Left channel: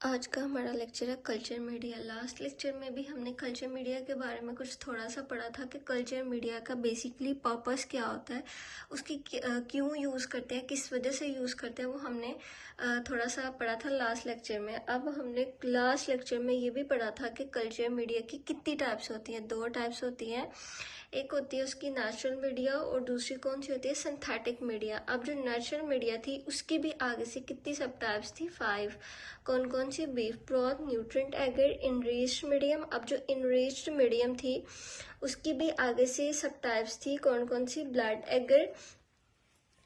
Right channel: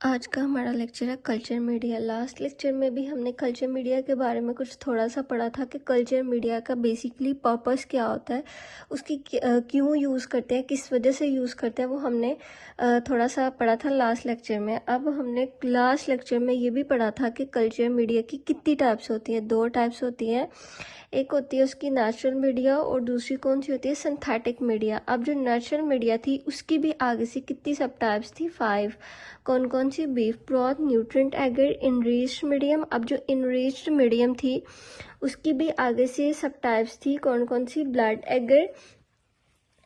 आज का हमारा लेक्चर है कल्चर मीडिया। लास्ट लेक्चर में भी हमने कल्चर मीडिया के बारे में कुछ थोड़ा सा पढ़ा था कि कल्चर मीडिया का बेसिकली पर्पस क्या होता है, उसकी क्यों यूज़ करते हैं, किस वजह से यूज़ करते हैं, वो हमने थोड़ा सा पढ़ा था लास्ट लेक्चर में। अब हमने लास्ट लेक्चर में ये भी पढ़ा था कि कल्चर मीडिया की कितनी टाइप्स होती है। 2 टाइप्स होती हैं, एक होती है उसकी नेचुरल मीडिया और दूसरी कौन सी होती है, सिंथेटिक मीडिया। अब जो नेचुरल मीडिया थी उसकी भी आगे से कितनी सब टाइप्स थी, 5। कौन कौन सी, beef broth, nutrient agar, enriched medium. अब जो इनरिच्ड मीडियम थी उसकी भी आगे से सब टाइप्स थी, कौन कौन सी, blood agar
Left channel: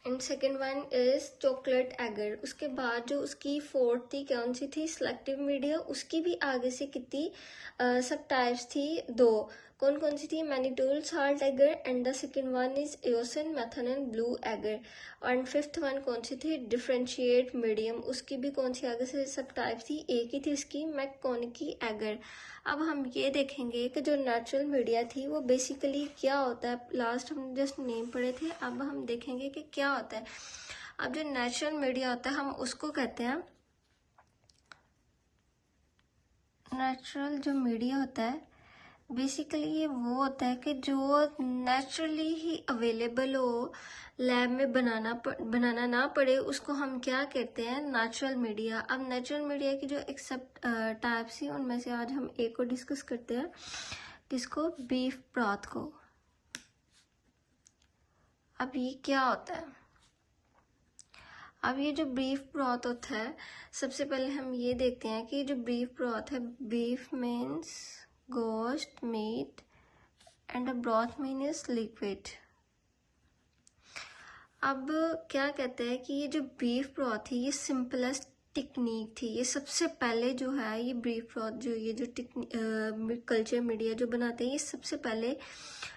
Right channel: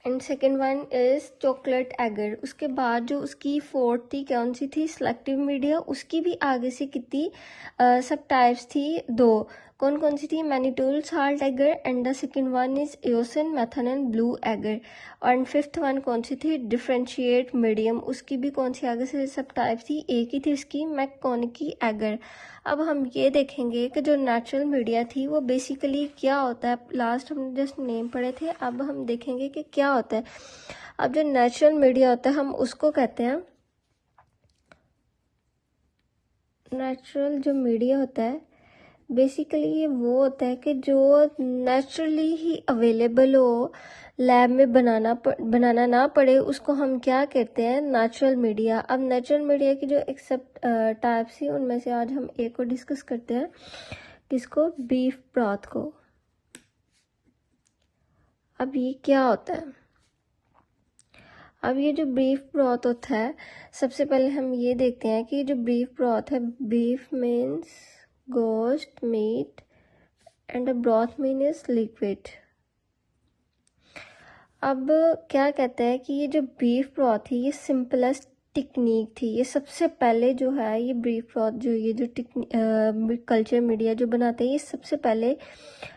and second one is chocolate agar. उसके बाद जो उसकी फोर्थ थी कौन सी थी, सिलेक्टिव मीडिया। उसकी भी आगे से कितनी सब टाइप्स थी, 2। कौन कौन सी थी, mannitol, salt agar and the second one is eosin, methylene, blue agar. और फिफ्थ वन कौन सी थी, डिफरेंशिएट मीडियम। उसकी भी कौन सी आगे से सब टाइप थी, एक ही थी उसकी, मैककोनिकी एगर। अब हम ये देखेंगे कि जो नेचुरल मीडिया थी वो बेसिकली क्या होता है। लास्ट हम जस्ट नेम पढ़े थे, अब हम देखेंगे कि क्या होता है। अब जो नेचुरल मीडिया होता है हम उसको कहते हैं, नेचुरल जो मीडिया होता है बेसिकली ये वो होता है कि जो नेचुरली ही अवेलेबल हो, लैब में बनाना ना पड़े, उसको हम क्या कहते हैं, नेचुरल मीडिया। अब नेचुरल मीडिया की जो एक सब टाइप्स थी उनमें से आज हम एक को डिस्कस करते हैं, जिसको बीफ ब्रॉथ को। अब ये क्या होता है, अब ये जो बीफ ब्रॉथ होता है, सबसे पहले हम ये देखते हैं कि जो बीफ ब्रॉथ है, बीफ मीन्स गोश्त, meat, and the broth mean is liquid. अब क्या कहते हैं कि ये जो बीफ ब्रॉथ थी ये सिंपलेस्ट टेक्निक थी। ये सबसे पहले जो है ये बीफ ब्रॉथ जो ये जो कल्चर मीडिया जो बनाते हैं ये सबसे पहले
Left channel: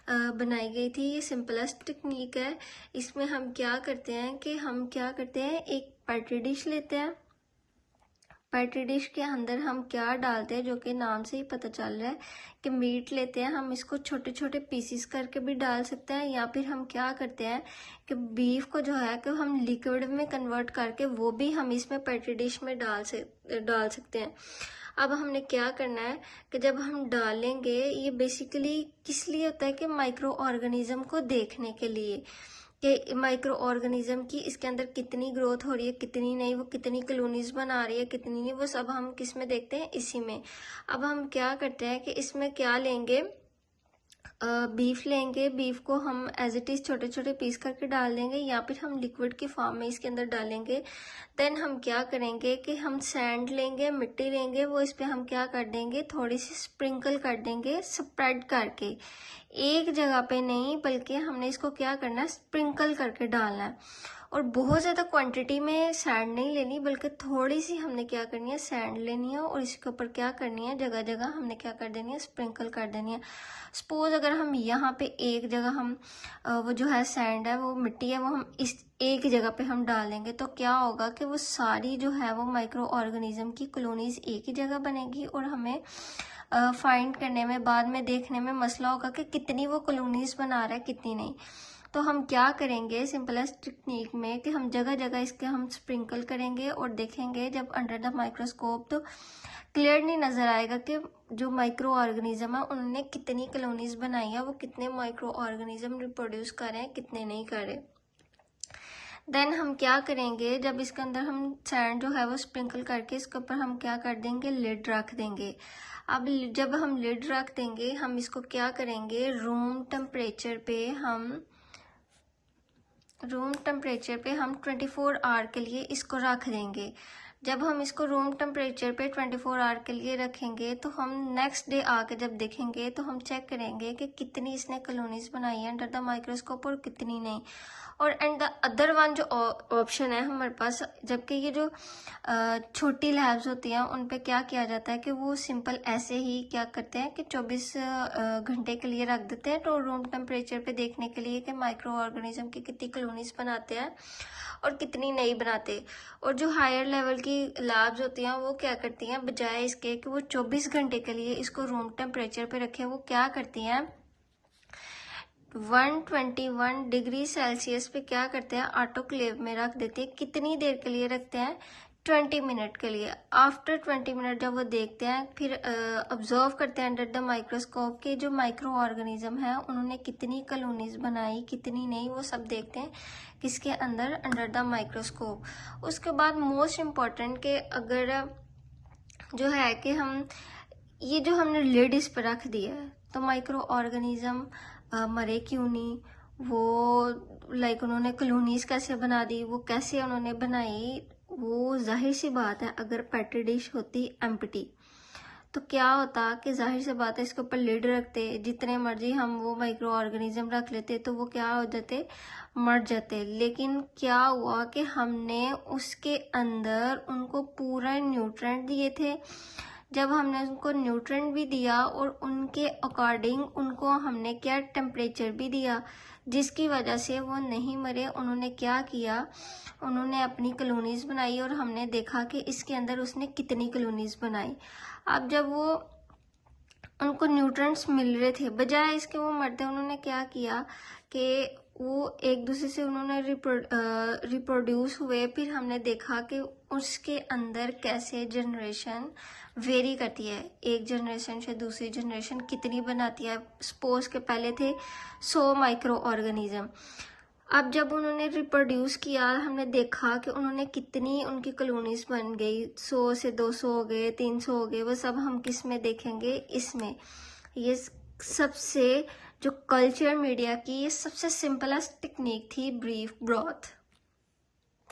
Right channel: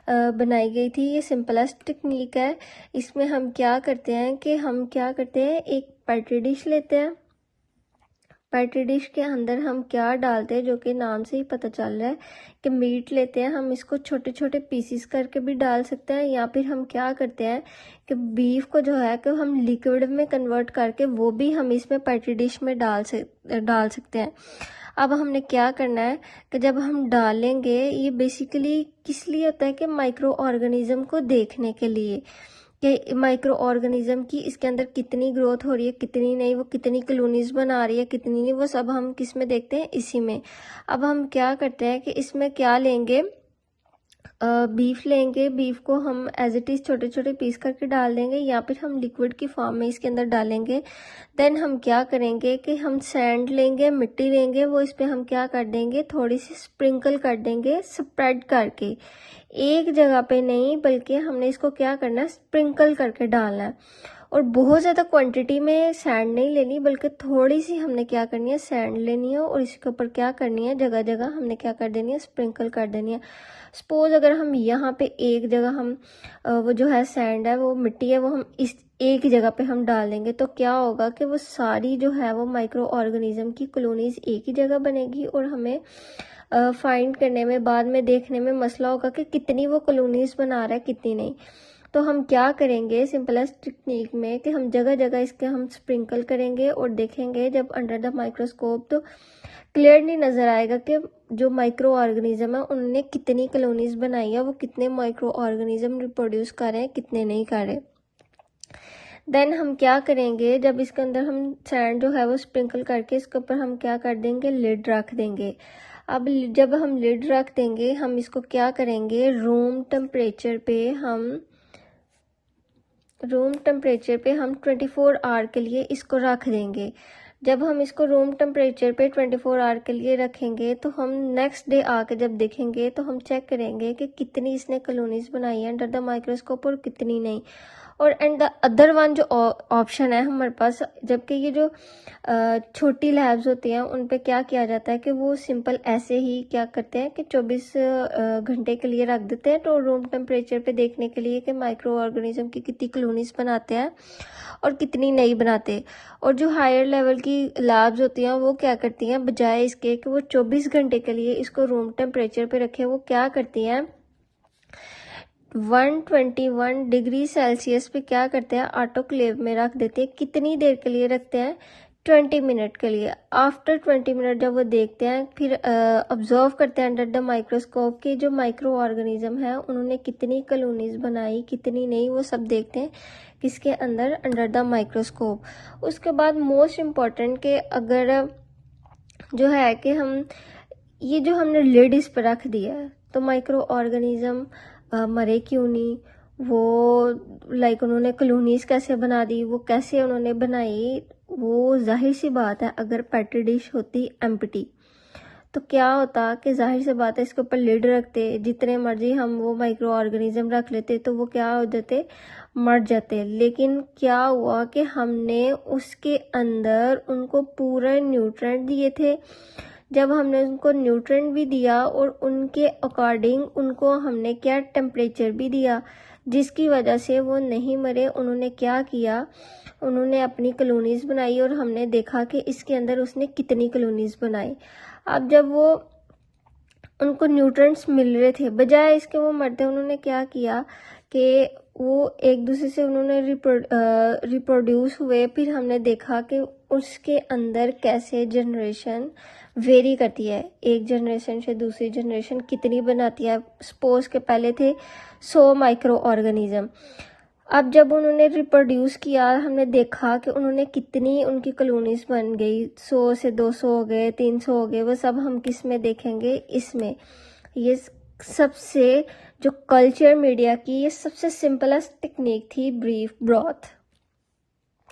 बनाई गई थी। ये सिंपलेस्ट टेक्निक है। इसमें हम क्या करते हैं कि हम क्या करते हैं, एक पेट्री डिश लेते हैं। पेट्री डिश के अंदर हम क्या डालते हैं, जो कि नाम से ही पता चल रहा है कि मीट लेते हैं। हम इसको छोटे छोटे पीसीस करके भी डाल सकते हैं, या फिर हम क्या करते हैं कि बीफ को जो है कि हम लिक्विड में कन्वर्ट करके वो भी हम इसमें पेट्री डिश में डाल सकते हैं। अब हमने क्या करना है कि जब हम डालेंगे, ये बेसिकली किस लिए होता है कि माइक्रो ऑर्गेनिज्म को देखने के लिए कि माइक्रो ऑर्गेनिज्म की इसके अंदर कितनी ग्रोथ हो रही है, कितनी नहीं, वो कितनी कॉलोनीज बना रही है, कितनी नहीं, वो सब हम किस में देखते हैं, इसी में। अब हम क्या करते हैं कि इसमें क्या लेंगे, बीफ लेंगे। बीफ को हम एज इट इज़ छोटे छोटे पीस करके डाल देंगे, या फिर हम लिक्विड की फॉर्म में इसके अंदर डालेंगे। देन हम क्या करेंगे कि हम सैंड लेंगे, मिट्टी लेंगे, वो इस पर हम क्या कर देंगे, थोड़ी सी स्प्रिंकल कर देंगे, स्प्रेड करके, एक जगह पे नहीं बल्कि हमने इसको क्या करना है, स्प्रिंकल करके डालना है। और बहुत ज़्यादा क्वांटिटी में सैंड नहीं लेनी, बल्कि थोड़ी सी हमने क्या करनी है, सैंड लेनी है, और इसके ऊपर क्या करनी है, जगह जगह हमने क्या कर देनी है, स्प्रिंकल कर देनी है। सपोज अगर हम यहाँ पे एक जगह हम वो जो है सैंड है, वो मिट्टी है, वो हम इस एक जगह पे हम डाल देंगे, तो क्या होगा कि वो सारी जो है वो माइक्रो ऑर्गेनिज्म की कॉलोनीज एक ही जगह बनेगी, और हमें फाइंड करने में, बाद में देखने में मसला होगा कि कितनी वो कॉलोनीज बना रहा है, कितनी नहीं। तो हम क्या करेंगे सिंपलेस्ट टेक्निक में कि हम जगह जगह इसके हम स्प्रिंकल करेंगे, और देखेंगे जब अंडर द माइक्रोस्कोप तो क्लियरली नज़र आएगा कि जो माइक्रो ऑर्गेनिज्म है उन्होंने कितनी कॉलोनीज बनाई है, वो कितने माइक्रो ऑर्गेनिज्म रिप्रोड्यूस कर रहे हैं, कितने नहीं कर रहे। देन हम क्या करेंगे, जब इसके अंदर हम सैंड जो है वो स्प्रिंकल करके इसके ऊपर हम क्या कर देंगे, लिड रख देंगे। अब जब हम लिड रख देंगे, हम इसको क्या करेंगे, रूम टेम्परेचर पे हम 24 आवर के लिए इसको रख देंगे। जब हम इसको रूम टेम्परेचर पे 24 आवर के लिए रखेंगे, तो हम नेक्स्ट डे आके जब देखेंगे तो हम चेक करेंगे कि कितनी इसने कॉलोनीज बनाई है अंडर द माइक्रोस्कोप और कितनी नहीं। और एंड द अदर वन जो ऑप्शन है हमारे पास, जबकि ये जो छोटी लैब्स होती हैं उन पे क्या किया जाता है कि वो सिंपल ऐसे ही क्या करते हैं कि 24 घंटे के लिए रख देते हैं, तो रूम टेम्परेचर पे देखने के लिए कि माइक्रो ऑर्गेनिज्म की कितनी कॉलोनीज बनाते हैं और कितनी नहीं बनाते। और जो हायर लेवल की लैब्स होती हैं वो क्या करती हैं, बजाय इसके कि वो 24 घंटे के लिए इसको रूम टेम्परेचर पे रखें, वो क्या करती हैं 121 डिग्री सेल्सियस पे क्या करते हैं, ऑटोक्लेव में रख देते हैं। कितनी देर के लिए रखते हैं, 20 मिनट के लिए। आफ्टर 20 मिनट जब वो देखते हैं, फिर ऑब्जर्व करते हैं अंडर द माइक्रोस्कोप कि जो माइक्रो ऑर्गेनिज्म है उन्होंने कितनी कॉलोनीज बनाई, कितनी नहीं, वो सब देखते हैं किसके अंदर, अंडर द माइक्रोस्कोप। उसके बाद मोस्ट इम्पॉर्टेंट कि अगर जो है कि हम ये जो हमने लिड इस पर रख दिया है तो माइक्रो ऑर्गेनिज्म मरे क्यों नहीं, वो लाइक उन्होंने कॉलोनीज कैसे बना दी, वो कैसे उन्होंने बनाई, वो जाहिर सी बात है अगर पेट्री डिश होती एम्प्टी तो क्या होता कि जाहिर सी बात है इसके ऊपर लिड रखते, जितने मर्जी हम वो माइक्रो ऑर्गेनिज्म रख लेते तो वो क्या हो जाते, मर जाते। लेकिन क्या हुआ कि हमने उसके अंदर उनको पूरा न्यूट्रेंट दिए थे। जब हमने उनको न्यूट्रेंट भी दिया और उनके अकॉर्डिंग उनको हमने क्या टेम्परेचर भी दिया, जिसकी वजह से वो नहीं मरे। उन्होंने क्या किया, उन्होंने अपनी कॉलोनीज बनाई और हमने देखा कि इसके अंदर उसने कितनी कॉलोनीज बनाई। अब जब वो उनको न्यूट्रेंट्स मिल रहे थे, बजाय इसके वो मरते, उन्होंने क्या किया कि वो एक दूसरे से उन्होंने रिप्रोड्यूस हुए। फिर हमने देखा कि उसके अंदर कैसे जनरेशन वेरी करती है, एक जनरेशन से दूसरी जनरेशन कितनी बनाती है। सपोज के पहले थे 100 माइक्रो ऑर्गेनिज्म, अब जब उन्होंने रिप्रोड्यूस किया हमने देखा कि उन्होंने कितनी उनकी कॉलोनीज बन गई, 100 से 200 हो गए, 300 हो गए। वो सब हम किस में देखेंगे, इसमें। ये सबसे जो कल्चर मीडिया की ये सबसे सिंपलेस्ट टेक्निक थी ब्रीफ ब्रॉथ।